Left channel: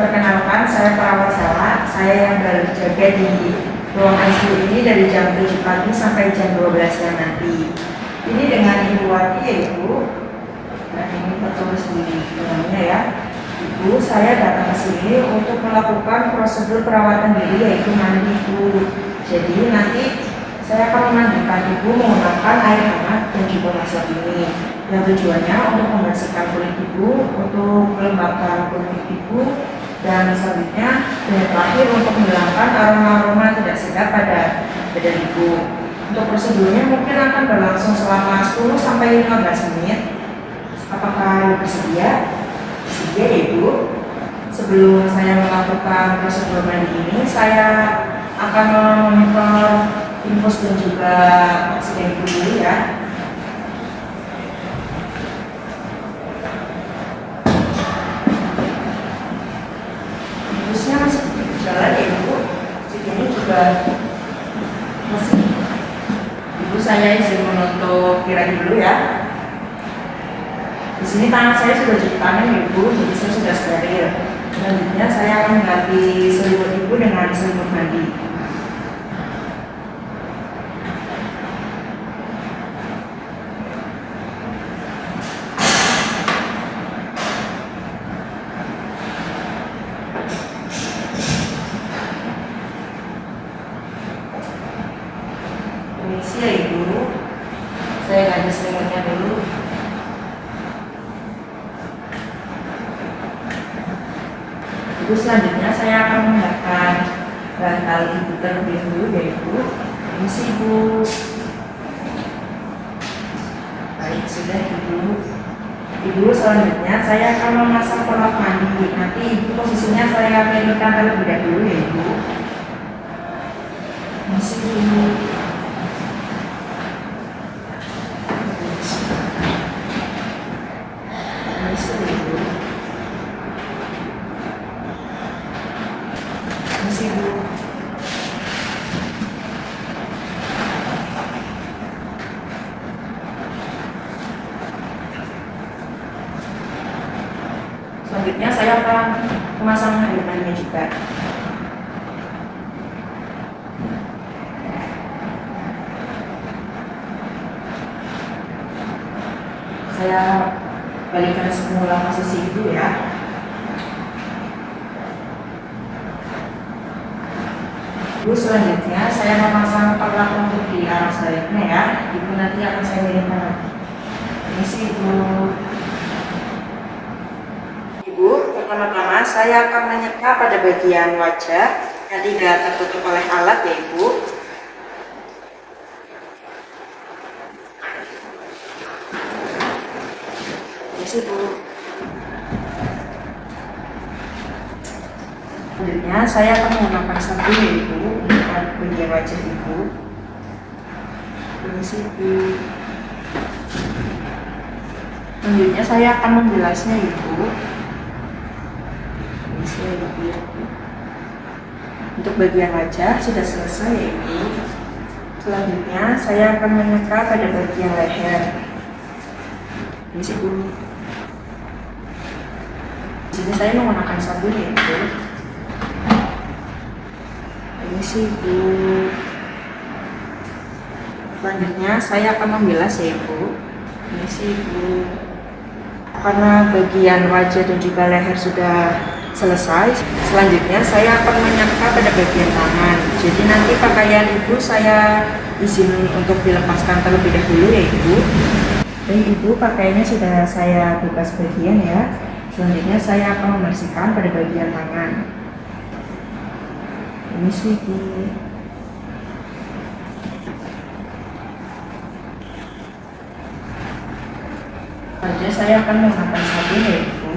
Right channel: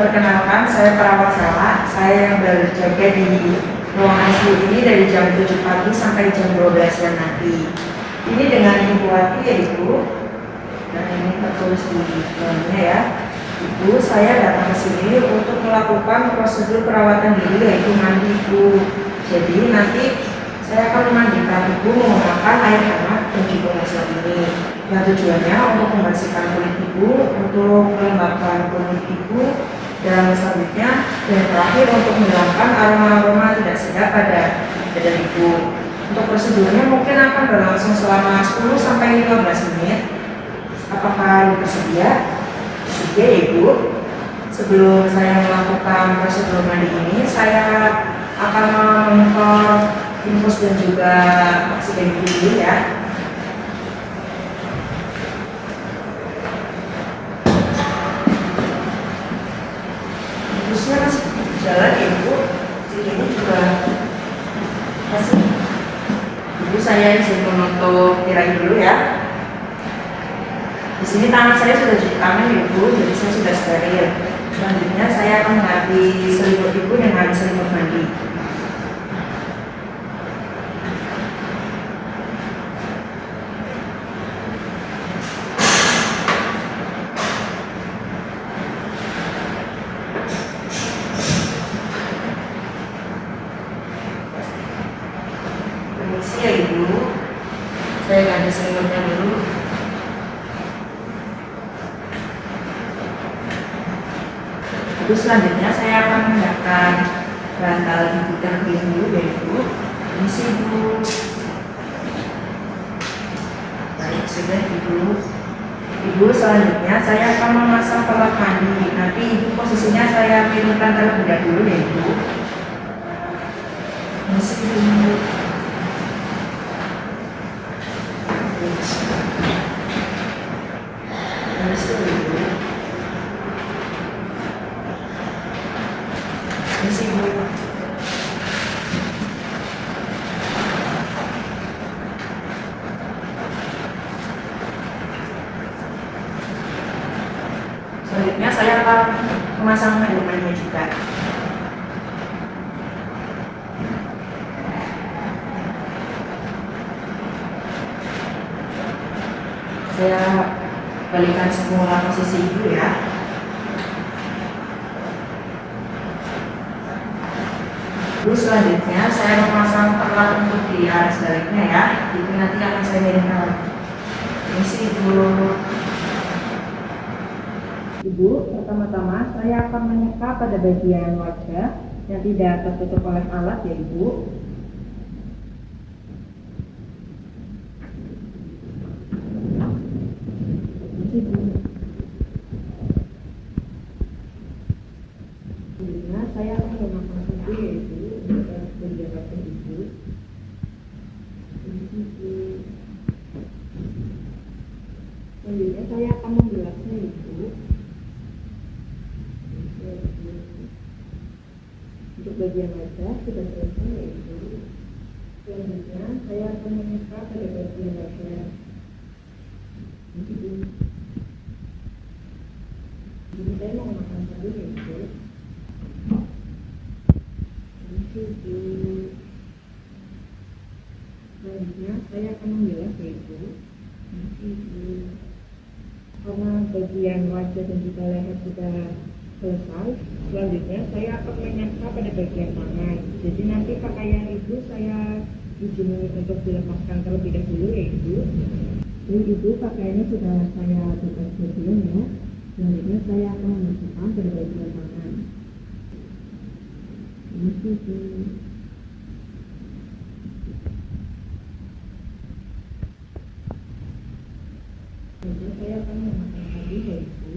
Perkenalkan, saya perawat Sela. Saya yang berjaga di ruang ICU ini dari jam 7 pagi sampai jam 12 siang nanti. Ini dengan Ibu Wati ya Ibu. Dan ini tertulis di dalamnya ya. Ibu, saya datang ke sini untuk melakukan prosedur perawatan diri yaitu mandi Ibu. Jadi nanti saya akan memandikan Ibu menggunakan air hangat dan juga masak ini. Yang tujuannya untuk membersihkan kulit Ibu, untuk melembabkan kulit Ibu, dan selanjutnya yang terakhir untuk menghilangkan aroma-aroma tidak sedap pada badan Ibu. Untuk prosedurnya mungkin akan berlangsung selama 10 sampai 15 menit. Apakah bersedia? Bersedia ya Ibu. Sebelum saya melakukan prosedur mandi ini, saya akan memonitor infus dan juga oksigen Ibu dulu ya. Infusnya masih berjalan ya Ibu. Jadi ini juga masih. Ibu, saya izin menutup tirai dulu ya. Di sini tangan saya sudah cuci tangan ya Ibu, jadi saya sudah steril. Selanjutnya saya akan mengganti selimut Ibu dengan selimut mandi. Permisi ya Ibu, saya ganti selimutnya dulu. Ibu, selanjutnya saya akan menggunakan bantal Ibu terlebih dulu ya Ibu. Permisi Ibu. Baik, sudah Ibu. Ibu, selanjutnya saya akan memasang pelak mandi. Nanti Ibu posisinya saya pilihkan terlebih dahulu ya Ibu. Permisi Ibu. Permisi Ibu. Permisi Ibu. Selanjutnya saya akan memasang air mandinya juga. Saya balikan semula posisi Ibu ya. Ibu, selanjutnya saya memasang perlak untuk di arah sebaliknya ya. Itu nanti akan saya miringkan lagi. Permisi Ibu. Ibu, pertama-tama saya akan menyeka pada bagian wajah yang tidak tertutup oleh alat ya Ibu. Permisi Ibu. Selanjutnya saya akan menggunakan sabun ya Ibu untuk bagian wajah Ibu. Permisi Ibu. Selanjutnya saya akan membilasnya Ibu. Permisi Ibu. Untuk bagian wajah sudah selesai ya Ibu. Selanjutnya saya akan menyeka pada bagian leher. Permisi Ibu. Di sini saya menggunakan sabun ya Ibu. Permisi Ibu. Selanjutnya saya akan membilas ya Ibu. Permisi Ibu. Karena bagian wajah dan juga leher sudah selesai, selanjutnya saya akan menyeka pada bagian tangan. Jadi nanti pakaian Ibu saya izin untuk dilepaskan terlebih dahulu ya Ibu. Baik Ibu, pakaiannya sudah saya buka sebagian ya. Selanjutnya saya akan membersihkan pada bagian tangan. Permisi Ibu. Selanjutnya saya akan menggunakan sabun ya Ibu.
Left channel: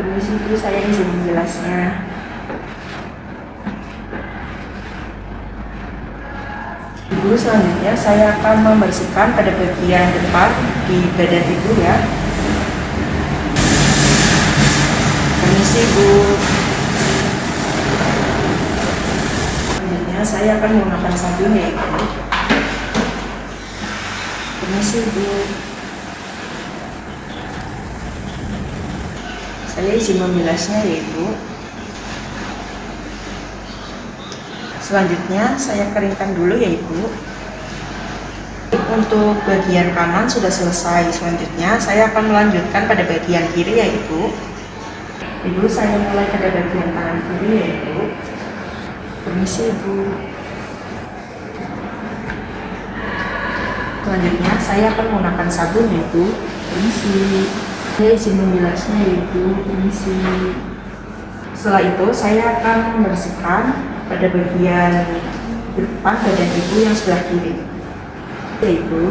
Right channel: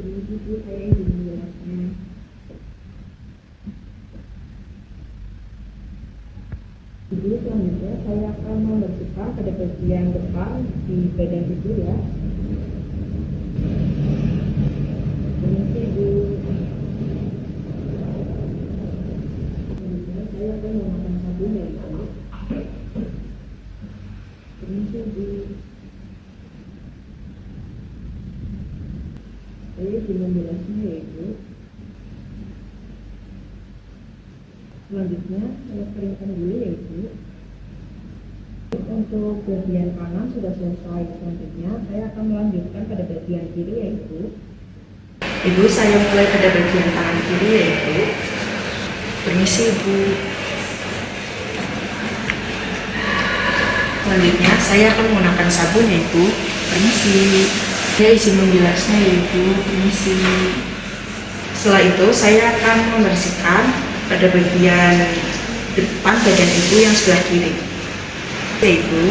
Permisi Ibu, saya izin menjelasnya. Ibu, selanjutnya saya akan membersihkan pada bagian depan di badan Ibu ya. Permisi Ibu. Selanjutnya saya akan menggunakan sabun ya Ibu. Permisi Bu, saya izin membilasnya ya Ibu. Selanjutnya saya keringkan dulu ya Ibu. Untuk bagian kanan sudah selesai. Selanjutnya saya akan melanjutkan pada bagian kiri ya Ibu. Ibu, saya mulai pada bagian tangan kiri ya Ibu. Permisi Ibu. Selanjutnya saya akan menggunakan sabun ya Ibu. Permisi. Saya izin membilasnya ya Ibu. Permisi. Setelah itu saya akan membersihkan pada bagian depan badan Ibu yang sebelah kiri ya Ibu.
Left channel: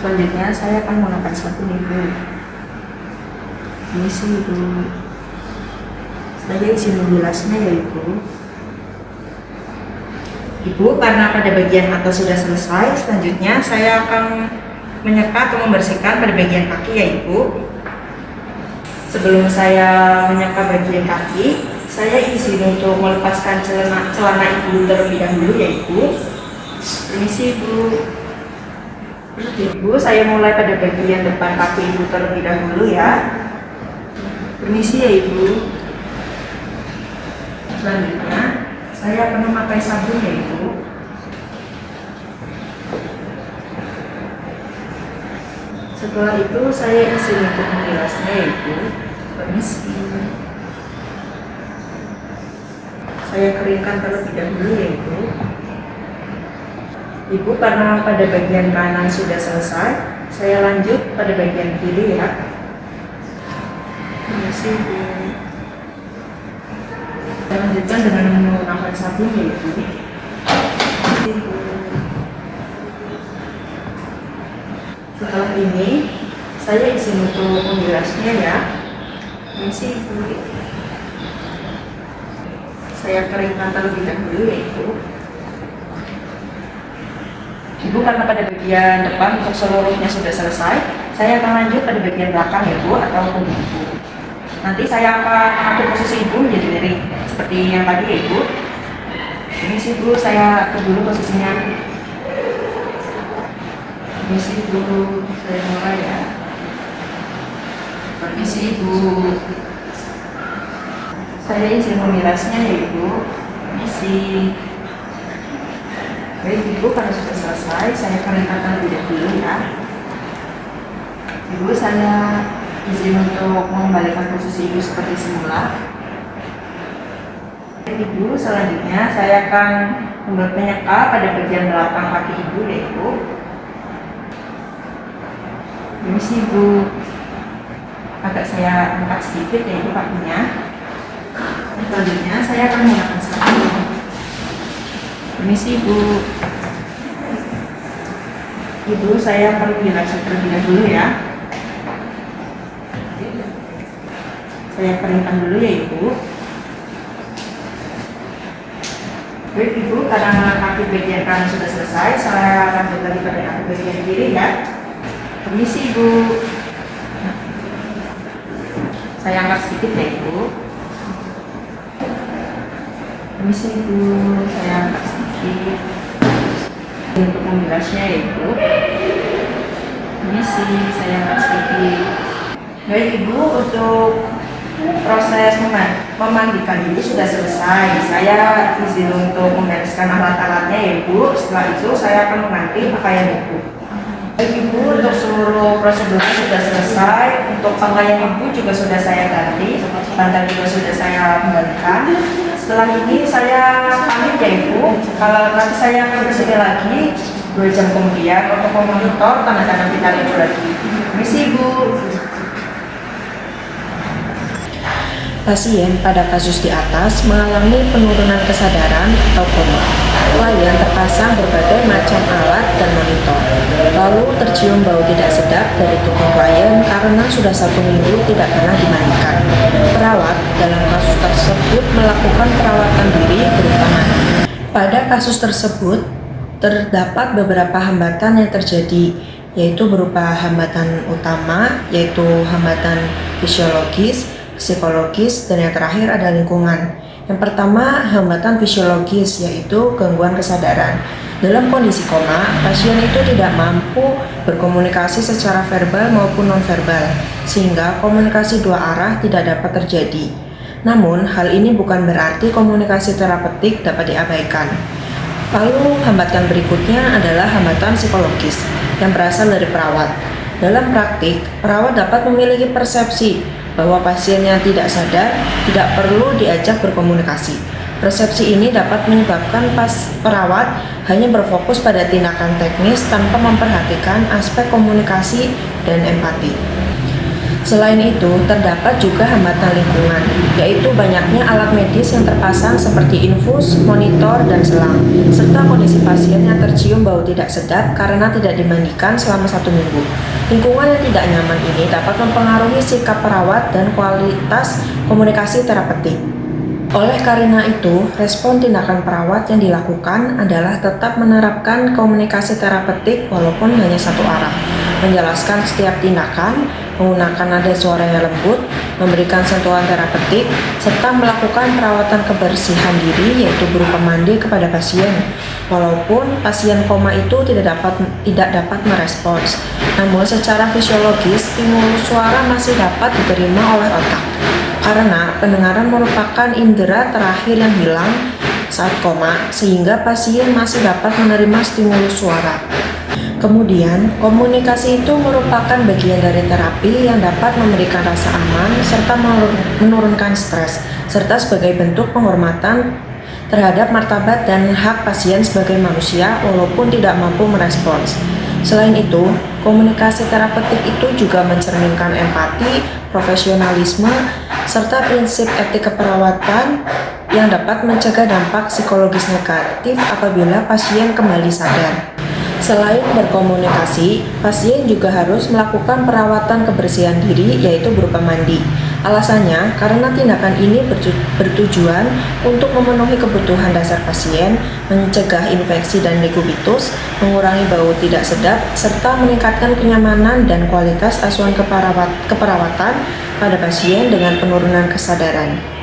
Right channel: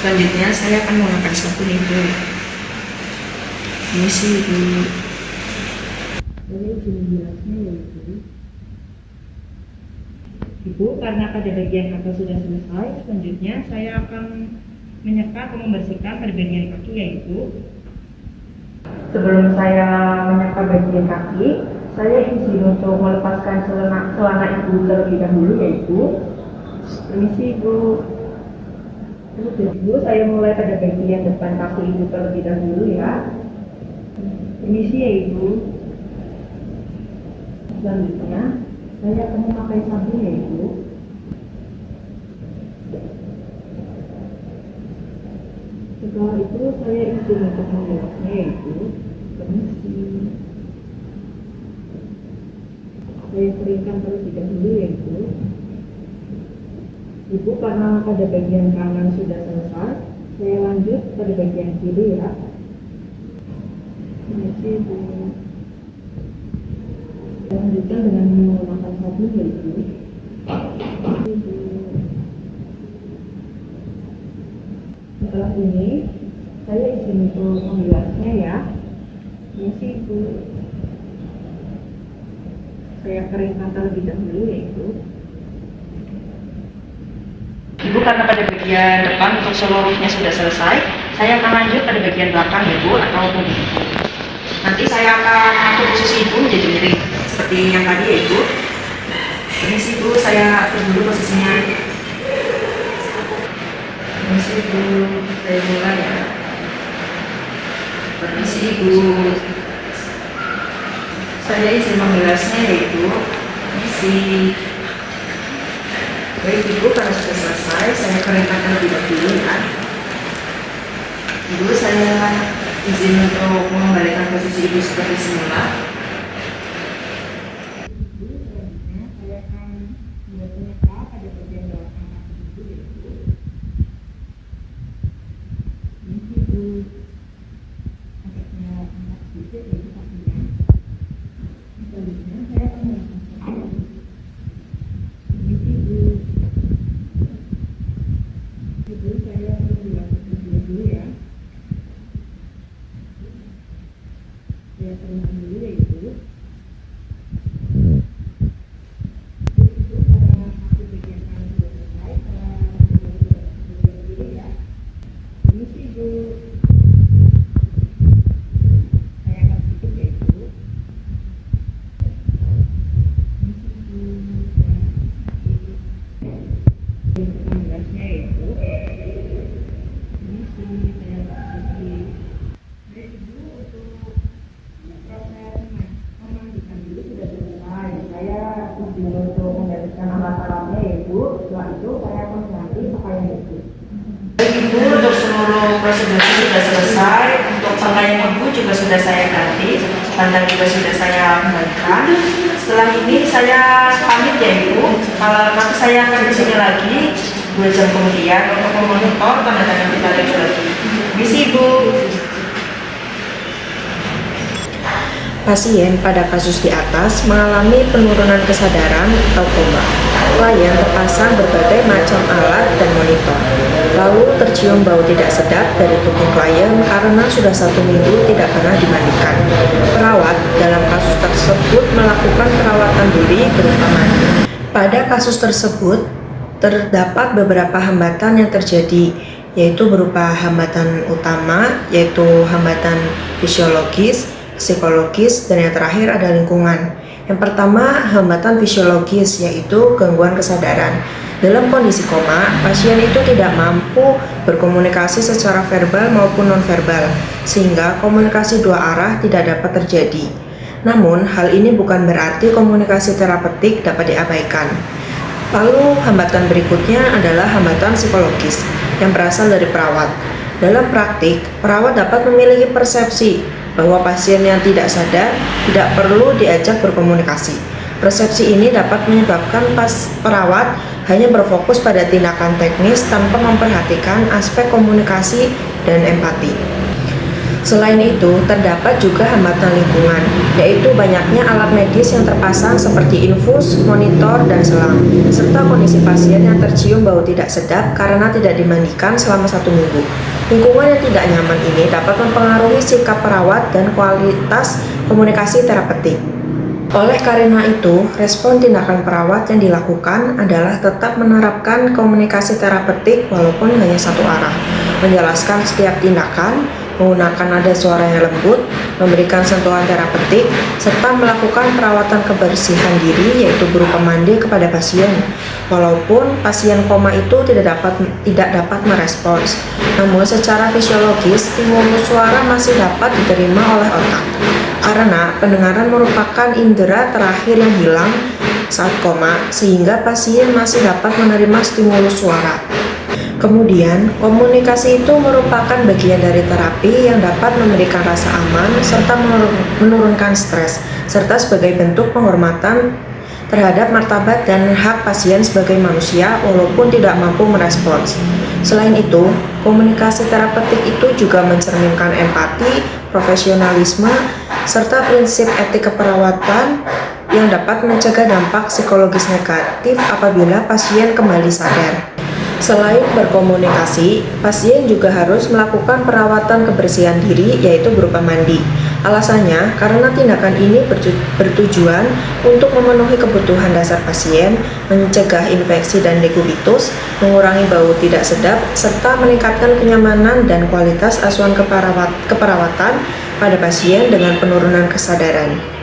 Selanjutnya saya akan menggunakan sabun Ibu. Permisi Ibu. Saya izin membilasnya ya Ibu. Ibu, karena pada bagian atas sudah selesai, selanjutnya saya akan menyeka atau membersihkan pada bagian kaki ya Ibu. Sebelum saya menyeka bagian kaki, saya izin untuk melepaskan celana Ibu terlebih dahulu ya Ibu. Permisi Ibu. Ibu, saya mulai pada bagian depan kaki Ibu terlebih dahulu ya. Permisi ya Ibu. Selanjutnya saya akan memakai sabun ya Ibu. Setelah itu saya izin untuk membilasnya ya Ibu. Permisi. Saya keringkan terlebih dahulu ya Ibu. Ibu, karena pada bagian kanan sudah selesai, saya lanjut pada bagian kiri ya. Permisi Ibu. Saya lanjutkan dengan menggunakan sabun ya Ibu. Permisi Ibu. Setelah ini, saya izin untuk membilasnya ya. Permisi Ibu. Saya keringkan terlebih dahulu ya Ibu. Ibu, karena pada bagian depan untuk seluruhnya sudah selesai, saya akan lanjut pada bagian belakang ya Bu, atau punggung Ibu. Nanti saya akan atur posisi Ibu menjadi miring seperti yang tadi ya Ibu. Permisi Ibu, saya atur dulu posisinya. Permisi Ibu, saya mulai ya. Permisi Ibu. Saya izin membilasnya ya Ibu. Permisi. Baik Ibu, karena sudah selesai, saya keringkan terlebih dahulu ya. Ibu, saya izin untuk mengembalikan posisi Ibu seperti semula. Ibu, selanjutnya saya akan menyeka pada bagian belakang kaki Ibu ya Ibu. Permisi Ibu. Agak saya angkat sedikit ya Ibu kakinya. Selanjutnya saya akan menggunakan sabun. Permisi Ibu. Ibu, saya akan membilas terlebih dahulu ya. Saya keringkan dulu ya Ibu. Baik Ibu, karena kaki bagian kanan sudah selesai, saya lanjut lagi pada kaki bagian kiri ya. Permisi Ibu. Saya angkat sedikit ya Ibu. Permisi Ibu, saya angkat sedikit untuk membilasnya ya Ibu. Permisi, saya angkat sedikit. Baik Ibu, untuk proses memandikan Ibu sudah selesai. Saya izin untuk membereskan alat-alatnya ya Ibu. Setelah itu saya akan mengganti pakaian Ibu. Baik Ibu, untuk seluruh prosedurnya sudah selesai. Untuk pakaian Ibu juga sudah saya ganti, bantal juga sudah saya kembalikan. Setelah ini saya pamit ya Ibu. Kalau nanti saya akan kesini lagi 2 jam kemudian untuk memonitor tanda tangan kita Ibu lagi. Misi Ibu. Pasien pada kasus di atas mengalami penurunan kesadaran atau koma. Klien terpasang berbagai macam alat dan monitor. Lalu tercium bau tidak sedap dari tubuh klien karena sudah 1 minggu tidak pernah dimandikan. Perawat dalam kasus tersebut melakukan perawatan diri berupa mandi. Pada kasus tersebut terdapat beberapa hambatan yang terjadi, yaitu berupa hambatan utama, yaitu hambatan fisiologis, psikologis, dan yang terakhir ada lingkungan. Yang pertama, hambatan fisiologis, yaitu gangguan kesadaran. Dalam kondisi koma, pasien itu tidak mampu berkomunikasi secara verbal maupun nonverbal, sehingga komunikasi dua arah tidak dapat terjadi. Namun, hal ini bukan berarti komunikasi terapeutik dapat diabaikan. Lalu, hambatan berikutnya adalah hambatan psikologis yang berasal dari perawat. Dalam praktik, perawat dapat memiliki persepsi bahwa pasien yang tidak sadar tidak perlu diajak berkomunikasi. Persepsi ini dapat menyebabkan perawat hanya berfokus pada tindakan teknis tanpa memperhatikan aspek komunikasi dan empati. Selain itu, terdapat juga hambatan lingkungan, yaitu banyaknya alat medis yang terpasang seperti infus, monitor, dan selang, serta kondisi pasien yang tercium bau tidak sedap karena tidak dimandikan selama 1 minggu. Lingkungan yang tidak nyaman ini dapat mempengaruhi sikap perawat dan kualitas komunikasi terapeutik. Oleh karena itu, respon tindakan perawat yang dilakukan adalah tetap menerapkan komunikasi terapeutik walaupun hanya satu arah, menjelaskan setiap tindakan, menggunakan nada suara yang lembut, memberikan sentuhan terapeutik, serta melakukan perawatan kebersihan diri yaitu berupa mandi kepada pasien. Walaupun pasien koma itu tidak dapat merespons, namun secara fisiologis stimulus suara masih dapat diterima oleh otak. Karena pendengaran merupakan indera terakhir yang hilang saat koma, sehingga pasien masih dapat menerima stimulus suara. Kemudian, komunikasi itu merupakan bagian dari terapi yang dapat memberikan rasa aman serta menurunkan stres, serta sebagai bentuk penghormatan terhadap martabat dan hak pasien sebagai manusia walaupun tidak mampu merespons. Selain itu, komunikasi terapeutik itu juga mencerminkan empati, profesionalisme, serta prinsip etik keperawatan yang dapat mencegah dampak psikologis negatif apabila pasien kembali sadar. Selain berkomunikasi, pasien juga harus melakukan perawatan kebersihan diri yaitu berupa mandi. Alasannya, karena tindakan ini bertujuan untuk memenuhi kebutuhan dasar pasien, mencegah infeksi dan degubitus, mengurangi bau tidak sedap, serta meningkatkan kenyamanan dan kualitas asuhan keperawatan pada pasien dengan penurunan kesadaran.